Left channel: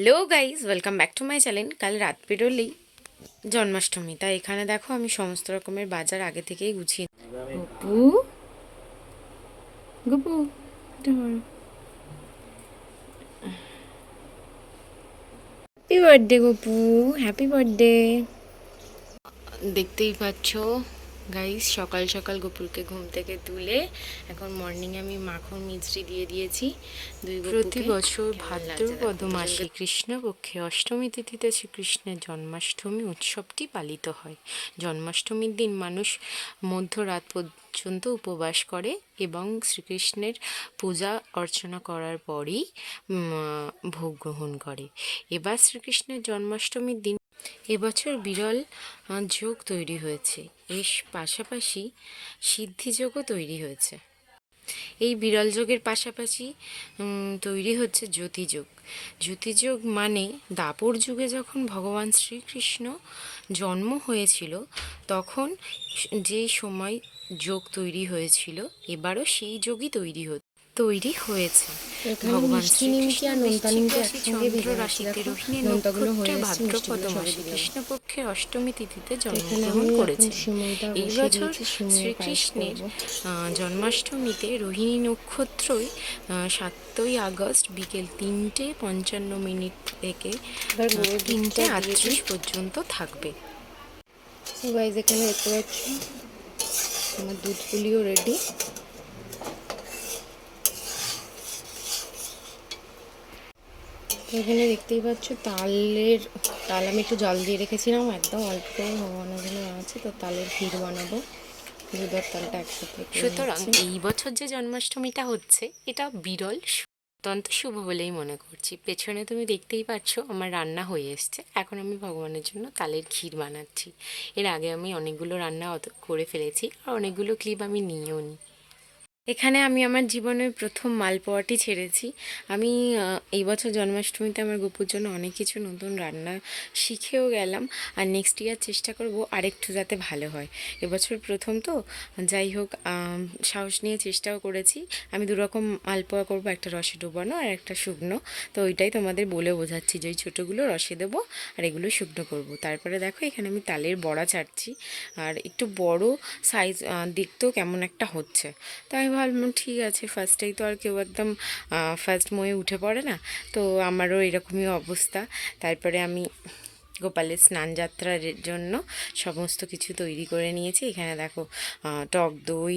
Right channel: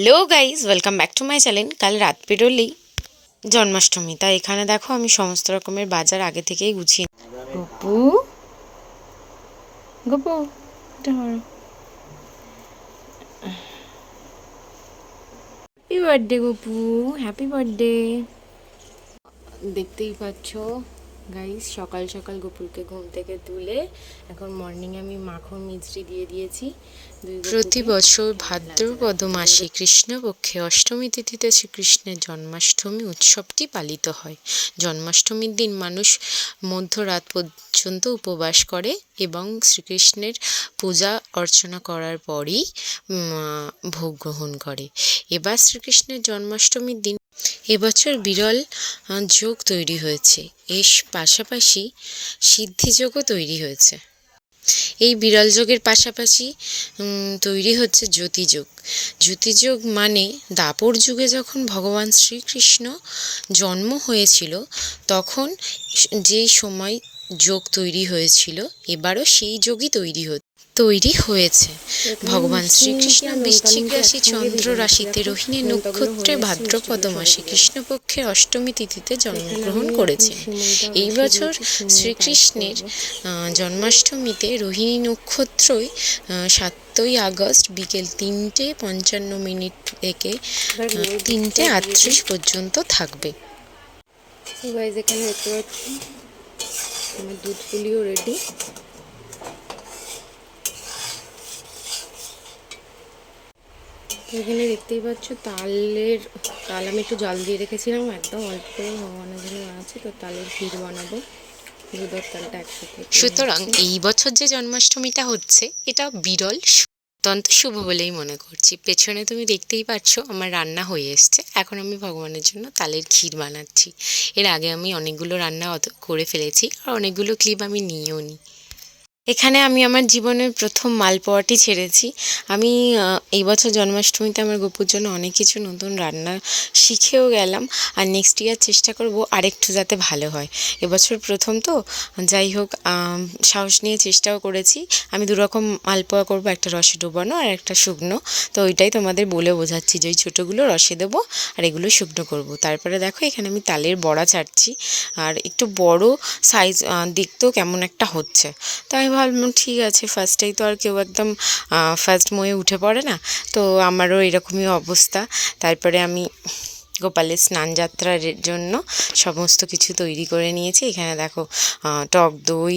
Hello guys, welcome back to my channel. কাল রাত পেরোলেই জন্মাষ্টমী, তাই এখানে দেখো আমি সমস্ত রকমের বাজার আগে থেকেই গুছিয়ে। Gopu Gopu happy birthday Gopu, happy birthday. দেখতেই পাচ্ছ গাইস, সকাল সকাল গোপুরকে ঘুম থেকে তুলে এখন মর্নিংয়ে আমি মাখন মিছরি দিয়ে দিয়েছি। প্রতি বছর ভাদ্রপদ মাসে কৃষ্ণপক্ষে অষ্টমী তিথিতে শ্রীকৃষ্ণের জন্মাষ্টমী উৎসবটি পালিত হয়। জন্মাষ্টমীর দিন মানুষ মধ্যরাত পর্যন্ত উপবাস করে এবং শ্রীকৃষ্ণের পূজা অর্চনা করার পরই ভোগ গ্রহণ করে। এবার শ্রীকৃষ্ণের জন্মাষ্টমীর দিন এবছর বিরল যোগ তৈরি হয়েছে, এর পাশাপাশি সিদ্ধিযোগও তৈরি হয়েছে। এই বিরল যোগের পাশাপাশি তৈরি হচ্ছে জ্যোতিযোগ। জ্যোতিযোগ মানে দাপর যুগে যখন ভগবান শ্রীকৃষ্ণ জন্ম হয়েছিল তখন যেই সময় যোগ তৈরি হয়েছিল, এবারও সেই যোগই তৈরি হয়েছে। ভগবান শ্রীকৃষ্ণ বৃশ্চিক রাশি চন্দ্র রাশিতে রোহিণী নক্ষত্রে ভাদ্রপদ মাসে কৃষ্ণপক্ষের অষ্টমী তিথিতে জন্মগ্রহণ করেছে। এই বছর শ্রীকৃষ্ণের জন্মাষ্টমীতে রোহিণী নক্ষত্রই 7ই আগস্ট বিকেল 3:55 থেকে 3:38 পর্যন্ত থাকবে। এখানে দেখতে পাচ্ছ আমার দুধ পুলিও রেডি। এখানে দেখতেই পাচ্ছ তাল আমি একটু জল দিয়ে রেখেছিলাম, একদম অল্প করে ভগবানের জন্য বানাচ্ছি। তো তালের ক্ষীর বানাবো, দুধ আর তালটা একসাথে। সুতরাং এই বছর যে জন্মাষ্টমীটা হচ্ছে এটা বিরল, অত্যন্ত শুভ বলেই মনে করছি। পেছনে তুমি দেখতেই পাচ্ছ আমার রান্না হয়ে এসছে। এখন আমি ভগবানের জন্য তালের ক্ষীর বানাচ্ছি। এর আগে আমি অনেকগুলো রান্না করে ফেলেছি আর অনেকগুলো ক্লিপ আমি নিয়েও নিই। এখানে আমি আমার জীবনের প্রথম মালপোয়াটি ছেড়েছি। আমি এই বছর জন্মাষ্টমীতে আমার গপুর জন্য অনেক কিছু নতুন রান্না শিখেও গেলাম, আর নেক্সট ইয়ার চেষ্টা করব আরেকটু যাতে ভালো হয়। এবছর প্রথম তো, যাই হোক সাহস নিয়ে চেষ্টাও করেছি। আমি দুরকম মালপোয়া করব, একটা রসে ডোবানো আর একটা শুকনো। তো ওইটাই তোমাদের বলে বোঝাচ্ছি যে ওই ছোটোগুলো রসে দেবো আর এগুলো শুকনো করব। তারপরে দেখো এখানে আমি তালের বড়া ছাড়ছি, আর একটু বড় সাইজ দেখতেও কেমন একটা হচ্ছে। তাই ভাবলাম ঠিক আছে, ফার্স্টেই তো আর কেউ একদম ফার্স্ট মোয়ে উঠে পড়ে না, তো আমারও এরকমই অবস্থা। তারপরে আমি গোপালের স্নানযাত্রার জন্য সমস্ত কিছু তৈরি করে নিয়েছি। এখানে দেখো টক দই,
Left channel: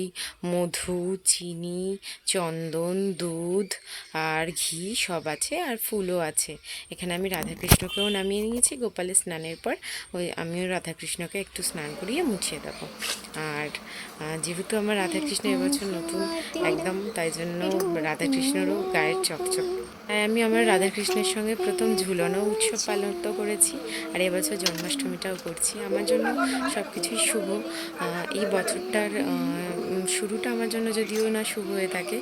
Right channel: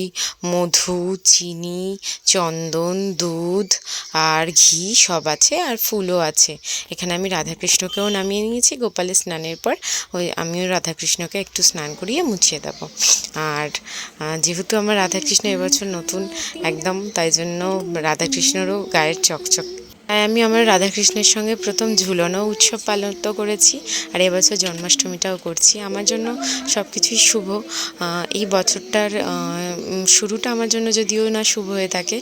মধু, চিনি, চন্দন, দুধ আর ঘি সব আছে, আর ফুলও আছে। এখানে আমি রাধাকৃষ্ণকেও নামিয়ে নিয়েছি। গোপালের স্নানের পর আমিও রাধাকৃষ্ণকে একটু স্নান করিয়ে মুছিয়ে দেবো। আর যেহেতু আমার রাধাকৃষ্ণ এবছর নতুন একদম, তাই জন্য রাধাকৃষ্ণরও গায়ের চকচক। তাই আমি আমার রাধাকৃষ্ণের সঙ্গে প্রথম ঝুলনো উৎসব পালন করেছি, আর এবছর জন্মাষ্টমীটাও করছি। আমার জন্য সব কিছুই শুভ। এই বছরটার শুরুটা আমার জন্য যদিও না শুভ হয়ে থাকে,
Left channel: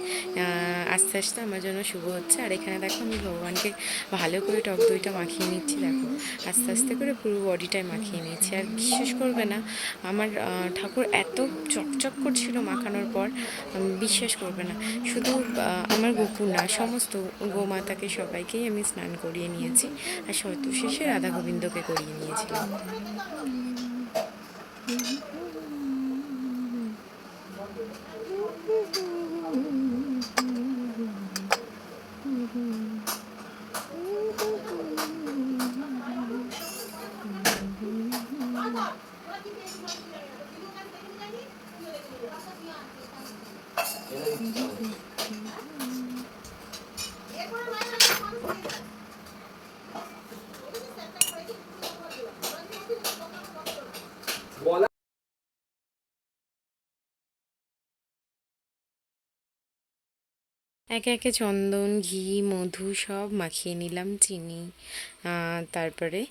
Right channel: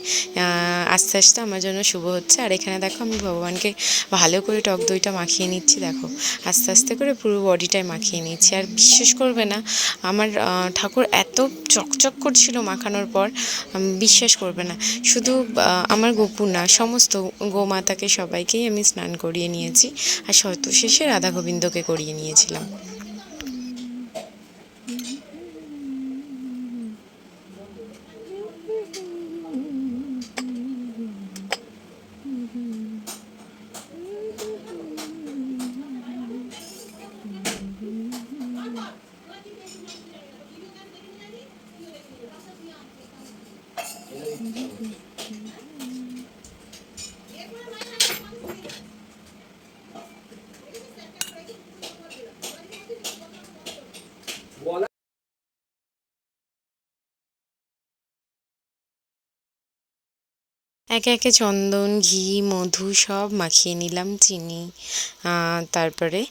আস্তে আস্তে আমার জন্য শুভ হচ্ছে। আর এখানে দেখো আমি ভগবানকে ভালো করে টক দইটা মাখিয়ে নিচ্ছি। দেখো আস্তে আস্তে করে পুরো বডিটায় মাখিয়ে নিচ্ছি। আর বিশ্বাস করবে না, আমার ঠাকুর এত চকচক করছিল মাখানোর পর, বিশ্বাস করবে না। শুধু আমার গোপুর না, সমস্ত গোমাতাকে সবাইকেই আমি স্নান করিয়ে নিয়েছি, আর শেষে রাধা গোবিন্দকে করিয়ে নিয়েছিলাম। একে একে চন্দন, ঘি, মধু সব মাখিয়ে নিলাম, চিনি। তারপরে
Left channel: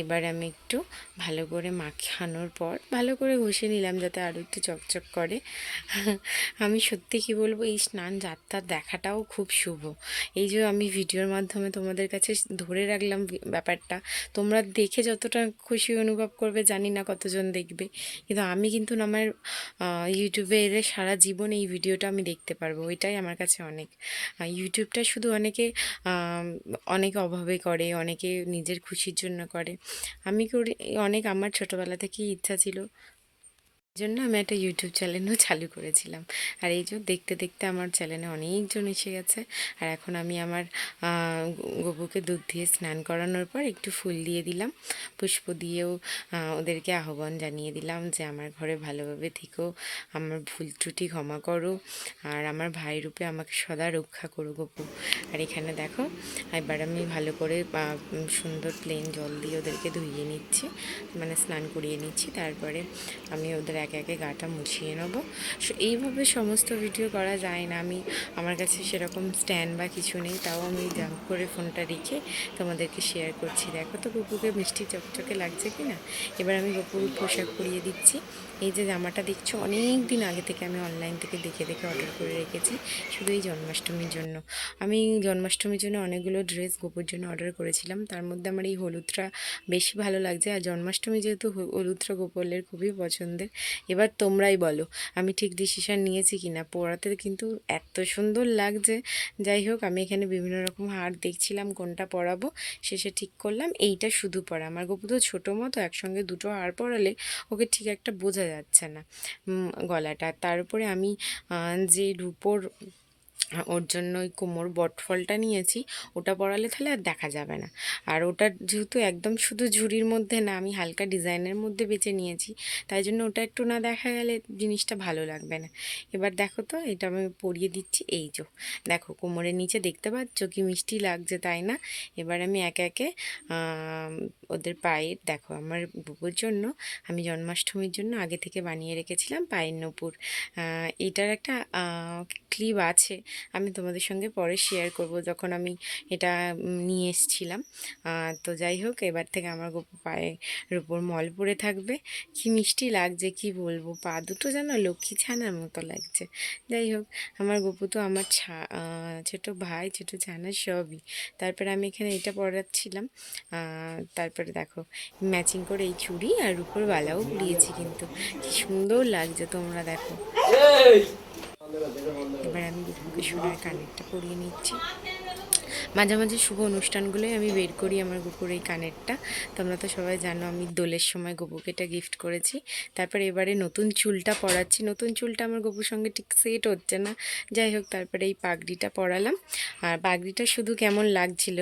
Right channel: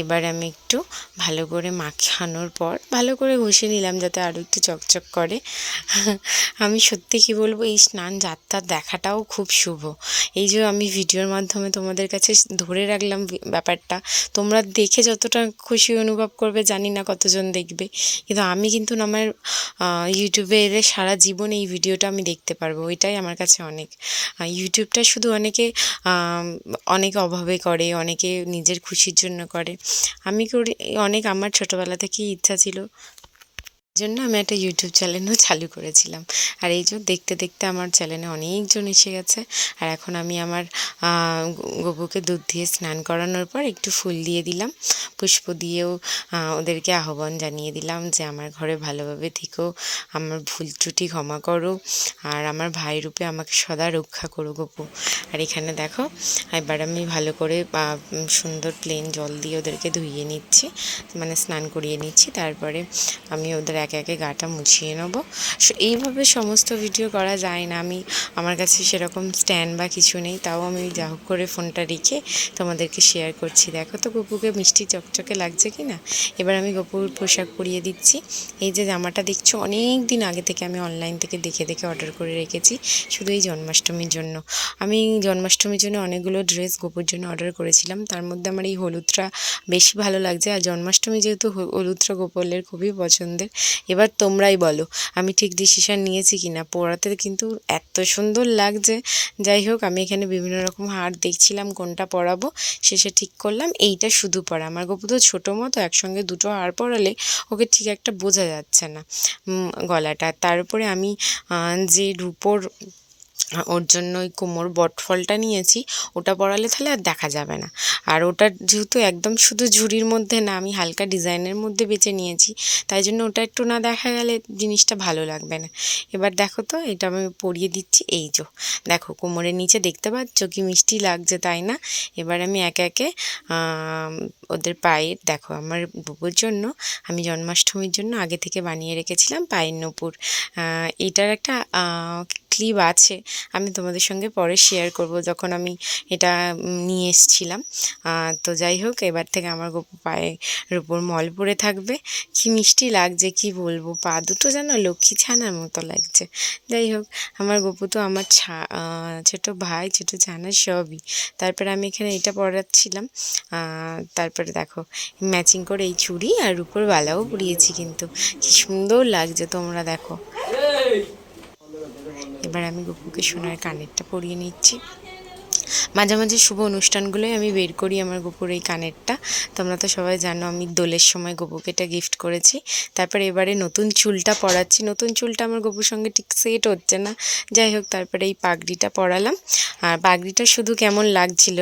এবার আমি একটু ভালো করে মাখানোর পর ভালো করে ঘষে নিলাম যাতে আরও একটু চকচক করে। আমি সত্যি কি বলবো, এই স্নান যাত্রা দেখাটাও খুব শুভ। এই যে আমি ভিডিওর মাধ্যমে তোমাদের কাছে ধরে রাখলাম ব্যাপারটা, তোমরা দেখে যতটা খুশি অনুভব করবে জানি না কতজন দেখবে, কিন্তু আমি কিন্তু আমার ইউটিউবে এলে সারা জীবন এই ভিডিওটা আমি দেখতে পারবো, ওইটাই আমার কাছে অনেক। অনেক। ইউটিউবটা শুধু অনেকে অনেক অভাবে করে, অনেকে নিজের খুশির জন্য করে। আমি করি অনেক, আমার ছোটোবেলা থেকেই ইচ্ছা ছিল, জন্য আমি একটা ইউটিউব চ্যানেলও চালু করেছিলাম। আর এই যে দেখতে দেখতে আমার চ্যানেলে অনেকজন এসে গেছে। আর এখন আমি আমার গপুকে দুধ দিয়ে স্নান করানোর পর একটু ফুল দিয়ে দিলাম, পুষ্প দিয়েও ওদেরকে আহ্বান জানিয়ে দিলাম যে আমার ঘরে ভালোভাবে থেকো, আমার ভুল ত্রুটি ক্ষমা করো, আর আমার ভাই রূপে আমাকে সদা রক্ষা করো গপু। আর এখানে দেখো এবার আমি ভালো করে সুন্দর প্লেন জল দিয়ে ওদেরকে ধুইয়ে নিচ্ছি, মানে স্নান করিয়ে নিচ্ছি। তারপরে আমি ওদের একে একে গাটা মুছিয়ে নেবো। এইভাবে সমস্ত ভিডিও করা যায় না, আমার কাছে সেরকম স্ট্যান্ড বা কিছু নেই, তাও আমি যা হোক করে ফোনটা রেখে তোমাদেরকে শেয়ার করছি। দেখো তো গপুকে মিষ্টি চকচকে লাগছে কি না। এবার আমি গপুর পোশাক পরিয়ে দিচ্ছি। এই যে জামাটা দেখছো, অনেক দিন আগে থেকে আমি অনলাইন থেকে দেখে দেখে অর্ডার করে রেখেছি, শুধু এই জন্মাষ্টমীর জন্য। আমি জন্মাষ্টমীর জন্য অনেকগুলো ড্রেস গপুর জন্য অর্ডার করেছিলাম, তার মধ্যে আমার এই হলুদটা বেশি ভালো লাগছে। আর জন্মাষ্টমী যেহেতু হলুদটা গোপালের খুবই পছন্দের। এবার তোমরাই বলো আমি ঠিক ডিসিশান নিয়েছি কি না। পরাতে কিন্তু এত সুন্দর লাগছে। যাই হোক, আমি এখানে বিভিন্ন রকম হার দেখছিলাম কোনটা পরাবো, শেষে ঠিক করলাম এইটা শুধু পরা। আমার গপু তো ছোটো মতো, একসঙ্গে দুটো হার পরালে ওকে ঠিক একটা বোঝা যাচ্ছে না গলাটা। তার উপরে আমি যে রূপোর ওর জন্য ওই কোমর বটফলটা নিয়েছি, ওটা পরালে তাহলে আর দেখা যাবে না। আর ওটা যেহেতু একদম শুধু ঝুড়ির মধ্যে না, আমি হালকা ডিজাইনের মধ্যে বেছে নিয়েছি, তাই জন্য ওটা একটু না দেখা গেলে জিনিসটা ভালো লাগবে না। এবার দেখো তো এটা আমি পরিয়ে দিচ্ছি। এই যে দেখো কোমরের নিচে দেখতে পাচ্ছ কি মিষ্টি লাগছে, তাই না? এবার আমি একে একে ওদের পায়ের, দেখো আমার বুবুর জন্য আমি জন্মাষ্টমীর জন্য আগে থেকে বানিয়ে রেখেছিলাম পায়ের নূপুর। এটার একটা ক্লিপ আছে, আমি তোমাদের সঙ্গে পরে শেয়ার করব যখন আমি এটা নিয়ে এসেছিলাম। তো যাই হোক, এবার থেকে আমার গপু পায়ের উপর মল পড়ে থাকবে। কি মিষ্টি লাগছে কি বলবো, পা দুটো যেন লক্ষ্মী ছানার মতো লাগছে। যাই হোক, আমার গপু তো আমার ছোটো ভাই, ছোটো ছানা সবই। তারপরে আমি এখানে এটা পরাচ্ছিলাম। তারপরে দেখো ম্যাচিং করে এই চুড়ি আর উপর বালাও পরিয়েছি, কিন্তু কি সুন্দর লাগছে তোমরা দেখো। এবার আমি গপুকে সোনার কানেরটা পরিয়ে নিচ্ছি। মাঝে মাঝে শুভ অনুষ্ঠানগুলোই আমি বের করি আমার গপুর এই কানেরটা। তোমরা তো সবাই জানো আমি দোলের সময় গপুকে এটা গিফট করেছি। তারপরে এবারে নতুন চুলটা পরাচ্ছি। নতুন চুলটা আমার গপুর সঙ্গে ঠিক সেট হচ্ছে না, যাই হোক তারপরে এই পাগড়িটা পরালাম। আর পাগড়িটা শুধু কেমন লাগছিল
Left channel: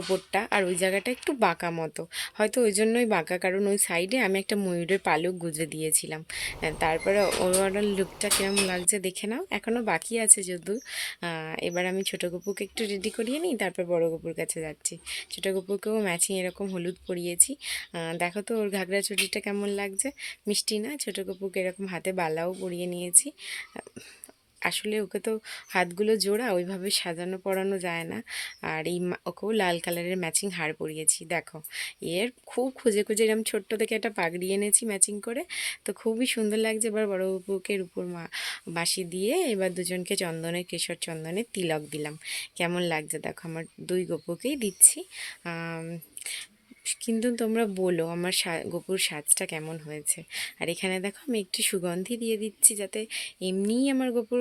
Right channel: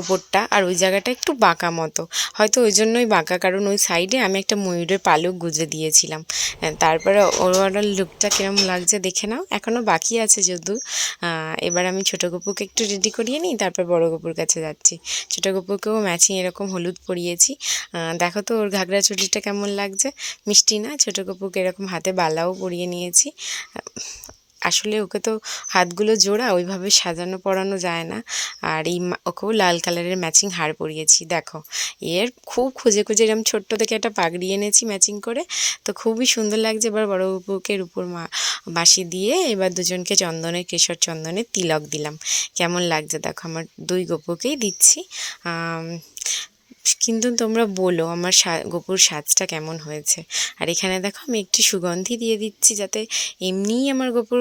ওপরটা, আর ওই জায়গাটা একটু বাঁকা মতো, হয়তো ওই জন্যই বাঁকা, কারণ ওই সাইডে আমি একটা ময়ূরের পালক গুঁজে দিয়েছিলাম। তারপরে ওভারঅল লুকটা কিরম লাগছে দেখে নাও। এখনও বাকি আছে যদিও। এবার আমি ছোটো গপুকে একটু রেডি করিয়ে নিই, তারপর বড় গপুর কাছে যাচ্ছি। ছোটো গপুকেও ম্যাচিং এরকম হলুদ পরিয়েছি। দেখো তো ওর ঘাগরা চুড়িটা কেমন লাগছে, মিষ্টি না? ছোটো গপুকে এরকম হাতে বালাও পরিয়ে নিয়েছি। আসলে ওকে তো হাতগুলো জোড়া, ওইভাবে সাজানো পরানো যায় না। আর ওকেও লাল কালারের ম্যাচিং হার পরিয়েছি। দেখো এর খুব খুঁজে খুঁজে এরকম ছোট্ট থেকে একটা পাগড়ি এনেছি ম্যাচিং করে, তো খুবই সুন্দর লাগছে। এবার বড় গপুকে উপর বাঁশি দিয়ে এবার দুজনকে চন্দনের, কেশর চন্দনের তিলক দিলাম। কেমন লাগছে দেখো, আমার দুই গপুকেই দিচ্ছি। কিন্তু তোমরা বলো আমার গপুর সাজটা কেমন হয়েছে। আর এখানে দেখো আমি একটু সুগন্ধি দিয়ে দিচ্ছি, যাতে এমনিই আমার গপুর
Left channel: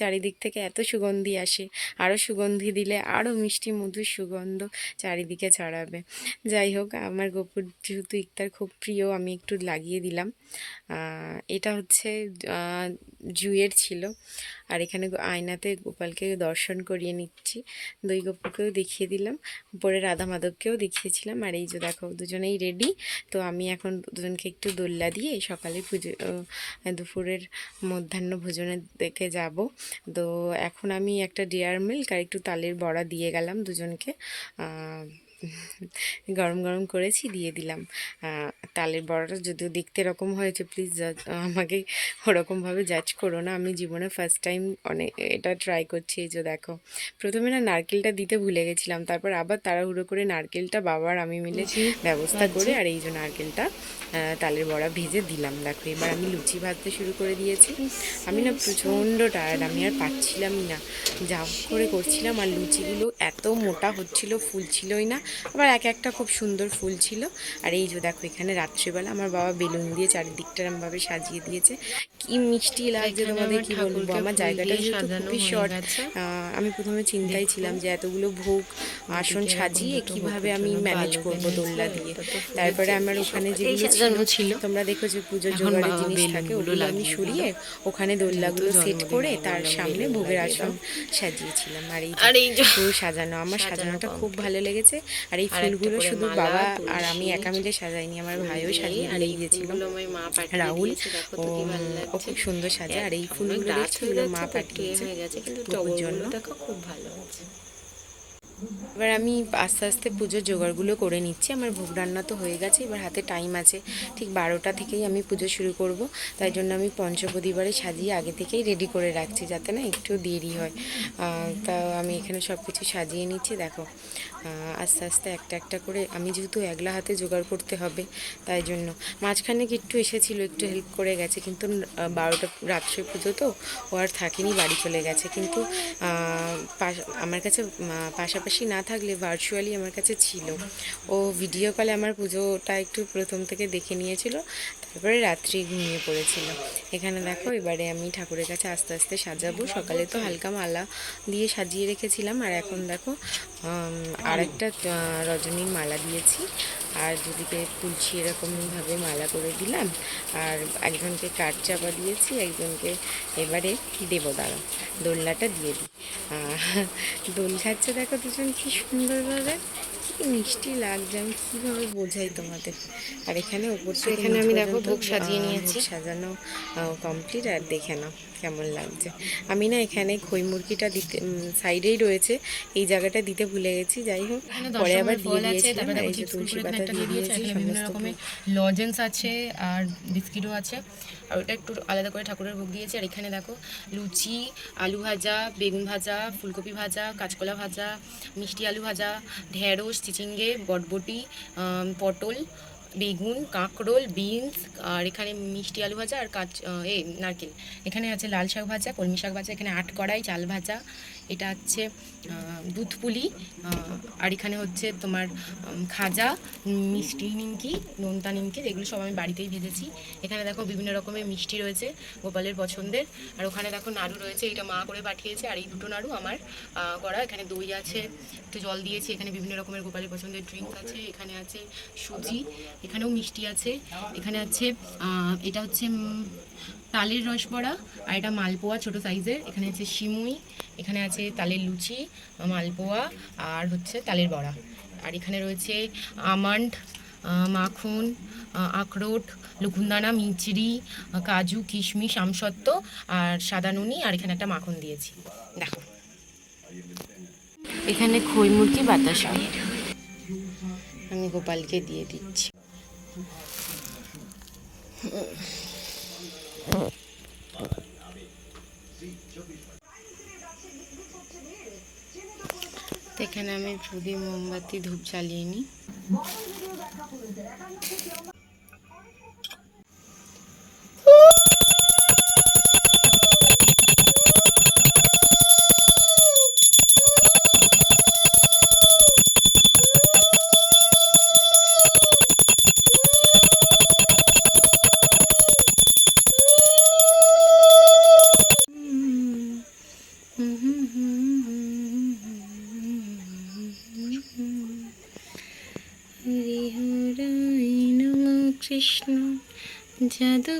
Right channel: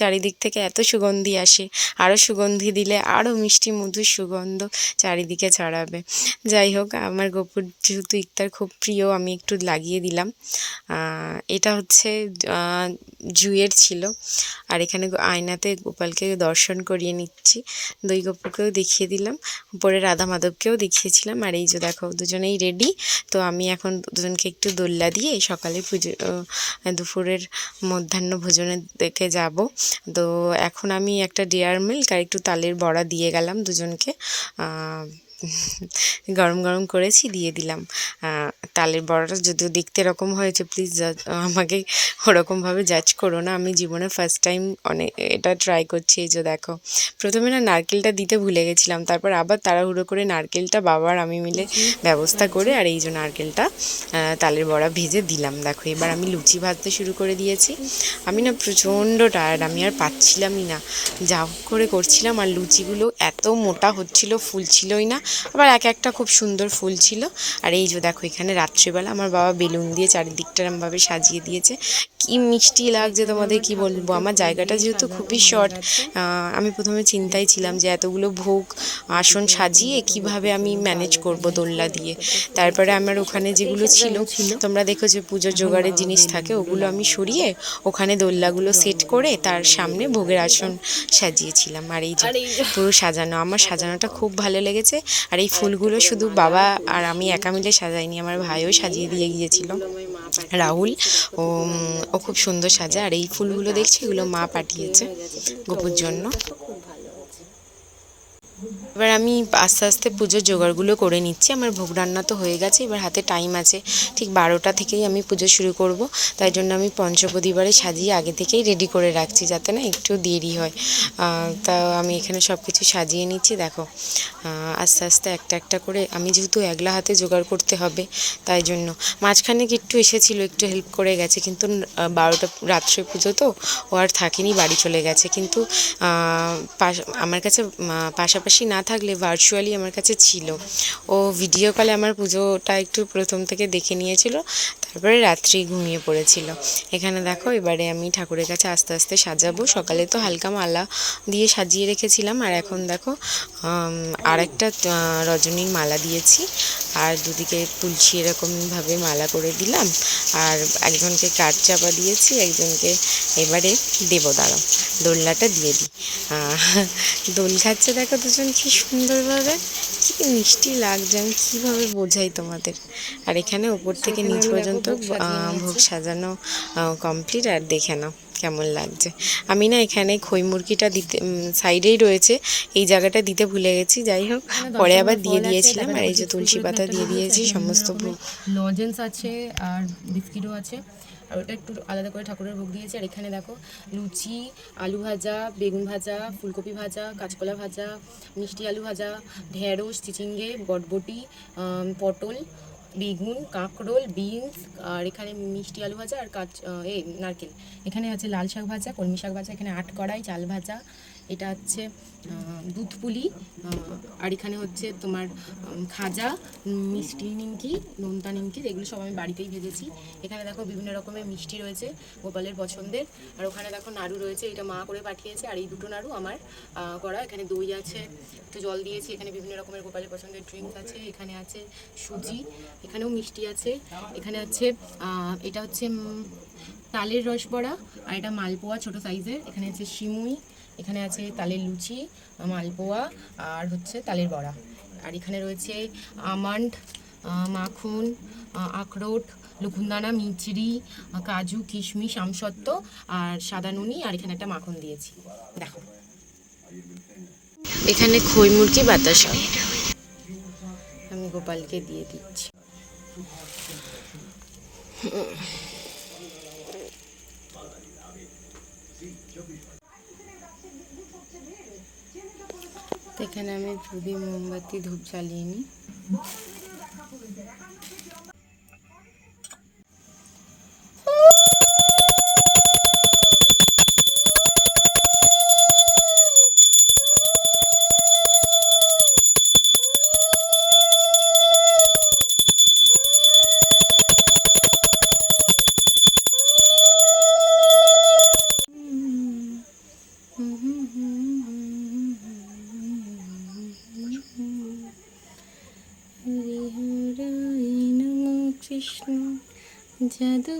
চারিদিক থেকে এত সুগন্ধি আসে, আরও সুগন্ধি দিলে আরও মিষ্টি মধুর সুগন্ধ চারিদিকে ছড়াবে। যাই হোক, আমার গপুর যেহেতু ইক্তার খুব প্রিয়, আমি একটু লাগিয়ে দিলাম। এটা হচ্ছে জুয়ের ছিল। আর এখানে আয়নাতে গোপালকে দর্শন করিয়ে নিচ্ছি, দুই গপুকেও দেখিয়ে দিলাম, উপরে রাধা মাধবকেও দেখিয়েছিলাম। আর এই যে দেখো দুজনেই রেডি। তো আমি এখন দুজনকে একটু দোল্লা দিয়ে সকালে পুজো, দুপুরের মধ্যাহ্ন ভোজনের দিকে যাব। তো এখন আমি একটা ডেয়ারি মিল্ক আর একটু তালের বড়া দিয়ে গেলাম দুজনকে। গরম গরম করেছি, দিয়ে দিলাম। তালের বড়াটা যদিও দেখতে এরকম হয়েছে, প্লিজ আমাকে ওরকমভাবে জাজ করো না। আমি জীবনে ফার্স্ট টাইম এটা ট্রাই করছি। এই যে দেখো, প্রথমে না নারকেলটা দিতে ভুলে গেছিলাম, তারপর আবার তাড়াহুড়ো করে নারকেলটা বাবার আমি মিলে ব্যবস্থা করে, আর এই যে নারকেলটা তালের বড়া ভেজে দিলাম। দেখো এবার আমি লুচি ভাজতে শুরু করে দিয়েছি। আমি না প্রচণ্ড টায়ার্ড, আমি আর পাচ্ছিলামই না, যা করে করছিলাম। আর লুচিগুলো এত মোটা হচ্ছিল, ফুলছিলই না। আবার এক একটা খুব সুন্দর ফুল ছিল। আর এই যে দেখো এখানে রাত্রিবেলা আমার বাবা বেলুন দিয়ে চারিদিকটা এরমভাবে সাজিয়ে দিয়েছে, কি মিষ্টি লাগছে তোমাদের কি বলবো। আমার জায়গাটা যেহেতু খুবই শর্ট, আমি প্রথমে চিন্তায় ছিলাম যে এতগুলো ভোগ আসন সাজিয়ে কিভাবে আমি ম্যানেজ করব দোলনা দিয়ে। তারপরে আমার ওখানে যেগুলো ছিল, তোমরা দেখো যে পুজোর জোগাড়ের জিনিস থাকে, ওগুলো আমি সরিয়ে ওখানে দোলনাগুলো সেট করে তার সামনে ভোগের আসন সাজিয়েছিলাম। আর এই যে পুরো সাজানো, আমার সাজানোটা খুব ভালো লেগেছে। আর এই ফুলগুলো শুধু বাবা আর আমি একা মিলে সাজাইনি, আমার ভাইও সাজিয়ে দিয়ে গিয়েছিল, রাহুল। ও ও খুব সুন্দর সাজে। আর এই ফুলগুলো দেখছো, এগুলো মা পাঠিয়েছে গোপুর জন্য। খুব ভালো আছে। এবার আমি আস্তে আস্তে পুজোর জোগাড়গুলো করে নিচ্ছি। আমার ভোগ রান্না তো হয়ে গেছে, এবার হাতে টাইম আছে, ঠিক 12টা থেকেই আমি পুজো শুরু করব। তাই জন্য আমি পঞ্চপ্রদীপে সাজিয়ে আগে থেকেই রেডি করে রাখছি, যাতে না একটু দেরি হয়। তা আমি এখানে সব কিছু সাজিয়ে নিচ্ছি। দেখো আস্তে আস্তে একটা একটা করে, আমি যেহেতু একলা হাতে জোগাড় করতে হবে, তাই জন্য মাঝখানে একটু এসেছিলো, একটু হেল্প করে গেছে, কিন্তু 12টা রাত্রে পুজো তো, ও আর থাকেনি, বাড়ি চলে গেছে। কিন্তু আমার কাছে পাশাপাশি না থাকলে ভার্চুয়ালি আমার কাছে ছিল। ও ভিডিও কলে আমার পুজোটা একটু প্রথম থেকে দেখে নিয়েছিল, তারপরে রাত্রি ঘুমিয়ে পড়েছিল। এখানে দেখো এবারে আমি ঠাকুরের কাছে আস্তে আস্তে সাজাবো। সকালে তো হালকা মালা দিয়ে সাজিয়ে রেখেছিলাম, আর এখন দেখো আর একটা রজনীর মালা দিয়েছি, আর দুদিকে তুলসী এরকমভাবে মালা করে দিলাম। আর একজনকে কাঠ চাপা দিয়েছি, একজনকে এবারে দেবো, দাঁড়াও দোলনাটা দিয়ে দিই। দোল খাচ্ছে দেখো দুজন কি সুন্দরভাবে, কি মিষ্টি লাগছে, আমি কীভাবে বোঝাই তোমাদের। আর এখানে ওপর থেকে নিচ পর্যন্ত ভোগ সাজানো কমপ্লিট। আর দেখে নাও কেমন লাগছে। আমি না এখানে খই মুরগিটা দিতে সাইডেই রয়েছে, এই জায়গাটা দিতে ভুলে গেছি, যাই হোক পরে আবার দিয়ে দিয়েছিলাম। আর এই যে তুলসী পাতা দিয়ে দিয়েছি, সমস্ত ভোগ লজেন্স আছে আর বিস্কিটও আছে। আর ওটা একটু আলাদা করে ঠাকুরের ভোগ দিয়েছি। আর এখানে দেখো লুচি, আলু ভাজা, বেগুন ভাজা, ফুলকপি ভাজা, কাঁচকলা ভাজা, মিষ্টি আলু ভাজা, ঢেঁড়স, চিচিঙ্গে, বটবটি, পটল, বেগুন, কাঁকরোল, বিনস, আর এখানে মিষ্টি আলু ভাজা আর নারকেল। এখানে আছে লাল শাক ভাজা, কলমি শাক ভাজা, এখানে আটকড়াই চাল ভাজা, এটা হচ্ছে দুধ পুলি, আর এখানে হচ্ছে তোমার খাজা, মিষ্টি নিমকি, নোনতা নিমকি, এগুলো সব আমি বাড়িতেই ভেজেছি। এখানে দেখো বিভিন্ন রকমের মিষ্টি রয়েছে গোপালের পছন্দের। আর ওখানে দেখো নাড়ু রয়েছে, এটা মা করে পাঠিয়েছে, আর এই দুটো নাড়ু আমার করা। এখানে দই আছে, একটু জল দিয়েছি, এখানে বিভিন্ন রকমের গোপালের পছন্দের ড্রিঙ্ক আছে, এখানে আছে সুজি, এখানেও মিষ্টি আছে, এখানে আছে এটা হচ্ছে তালের রসবড়া, আর এটা মালপোয়া ছোটো সাইজের, এখানে আছে সিমুই, এখানে আছে তালের লুচি, মালপোয়া, আর হচ্ছে তালের বড়া। আর এখানে রয়েছে আমন্ড, মাখন, আখরোট, লকুনদানা, মিচড়ি, কাজু, কিশমিশ, আমসত্ত্ব, আর সাদা নুনি, আর এখানে একটা মাখন দিয়েছি। দেখো এখানে খই মুরগি বাতাসা আমি গোপালকে দিয়ে দিচ্ছি। তো এখানে আমি প্রদীপ, মোমবাতি, ধূপ জ্বালিয়ে নিই। কৃষ্ণ জাদু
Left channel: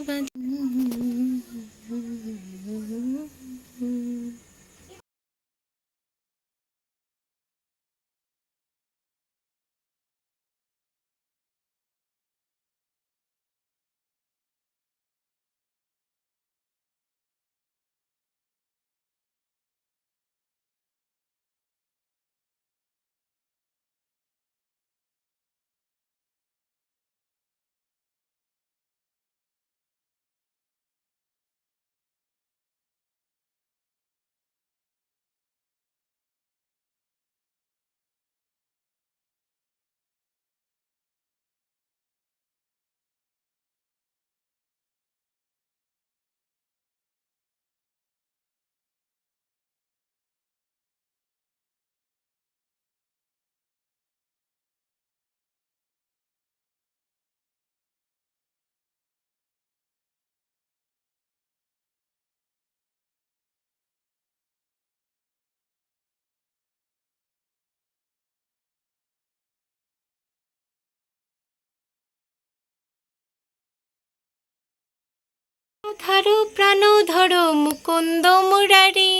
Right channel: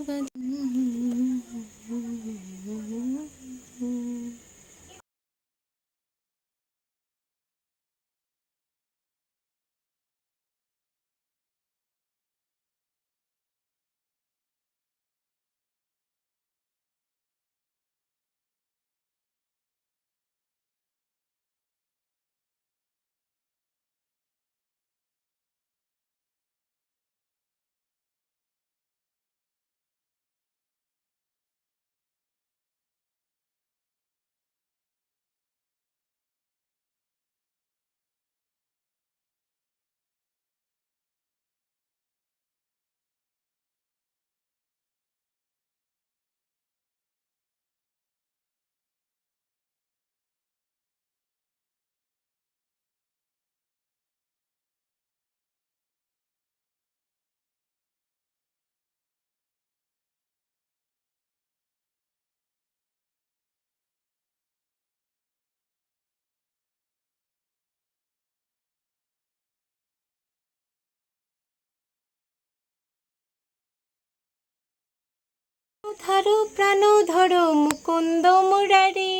ধারো প্রাণ ধরো মুকুন্দ মুরারি।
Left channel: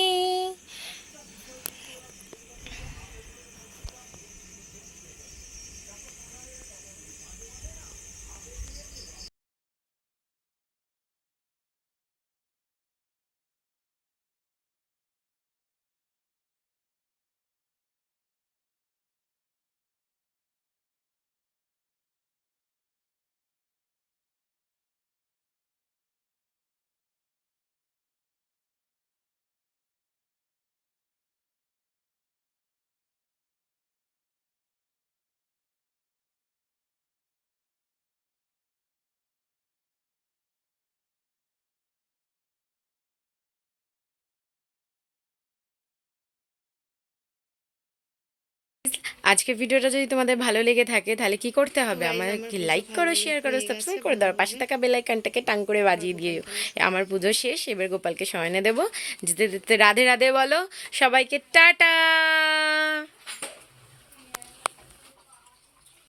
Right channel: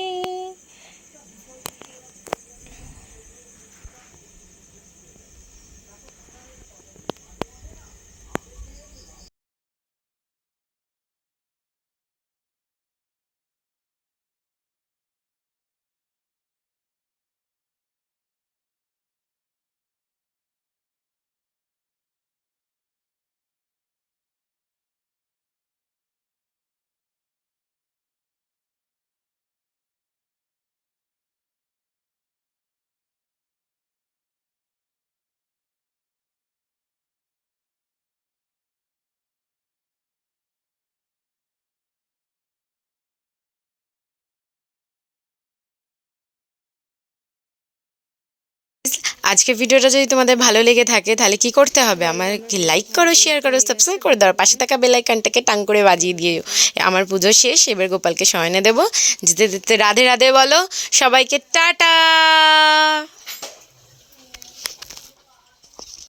আজকের ভিডিওটা যদি তোমাদের ভালো লেগে থাকে তাহলে কি করতে হবে, আমাকে লাইক করো, শেয়ার করো, সাবস্ক্রাইব করে দাও, পাশে থাকা বেল আইকনটাকে টাং করে বাজিয়ে দিও। আমার পুজো শেষ, এবার গোপালকে শয়নে দেবো। যেতে যেতে রাধে রাধে বলো সবাইকে, টাটা।